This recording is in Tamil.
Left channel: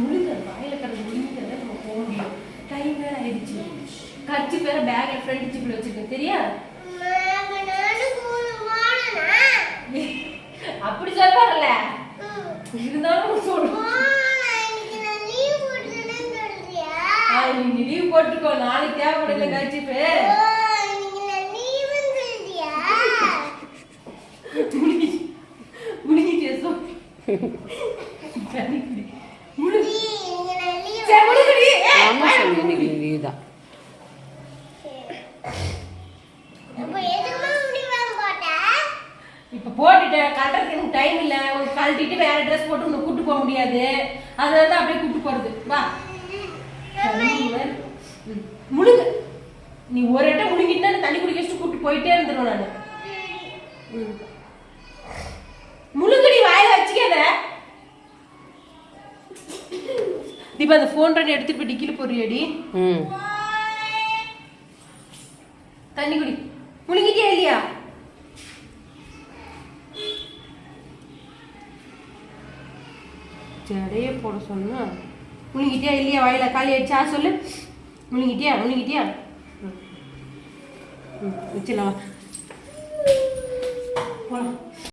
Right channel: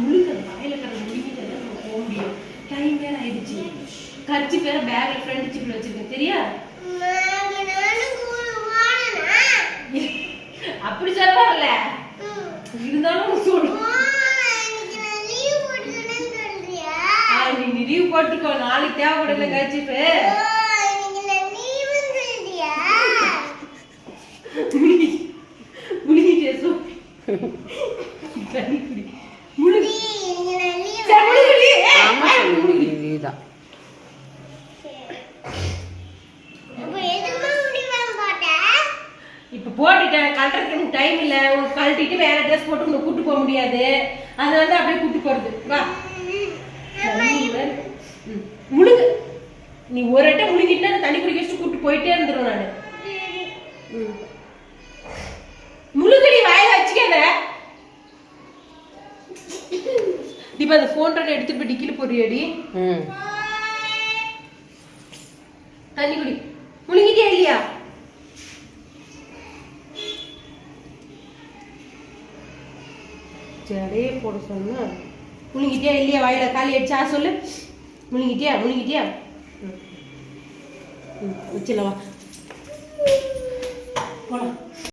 முழுங்க வாயில கட்டு முழுங்கிட்டு நம்ம போக முடியும். டைம் வேற ஆயிடுச்சு. கட்சி வேற பேக்ல ஃப்ரண்ட் ஜிப்ல வச்சிருக்கேன் சரியா? அப்படி சொல்றாருல இருந்தாலும் சொல்லு. நீ லீவ் போட்டுக்கோ, நாளைக்கு தேவைப்படல கட்சிப்பு. இப்ப போட்டுட்டேன், கல்றதுக்கு டைம் இல்ல. உனக்கு கழட்டிட்டு வேற ட்ரெஸ் போட்டு உனக்கு கூட்டு போக முடியாது. அதனால தான் அப்படியே கூட்டு போறது. வா முழுங்க. நீ ஒரு அட்டை முழுங்கிட்டா தண்ணி குடிக்க வச்சுட்டு கூட்டு போயிட்டே இருந்துருவேன் நானு. முழுங்கடி வாயில வச்சுக்காத. இப்ப அந்த போன் எடுத்துட்டு போய் டிக்கில போறியடி. தண்ணி குடி. முழுங்கிட்டியா இல்லையா? ஜடையே போட சொன்னா முழுங்கிட்டியா இல்லையா? வாயில காலி அடிச்சா சொல்லு. முழுங்கிட்டியா? முழுங்கிட்டியா? வச்சுல போலாம்.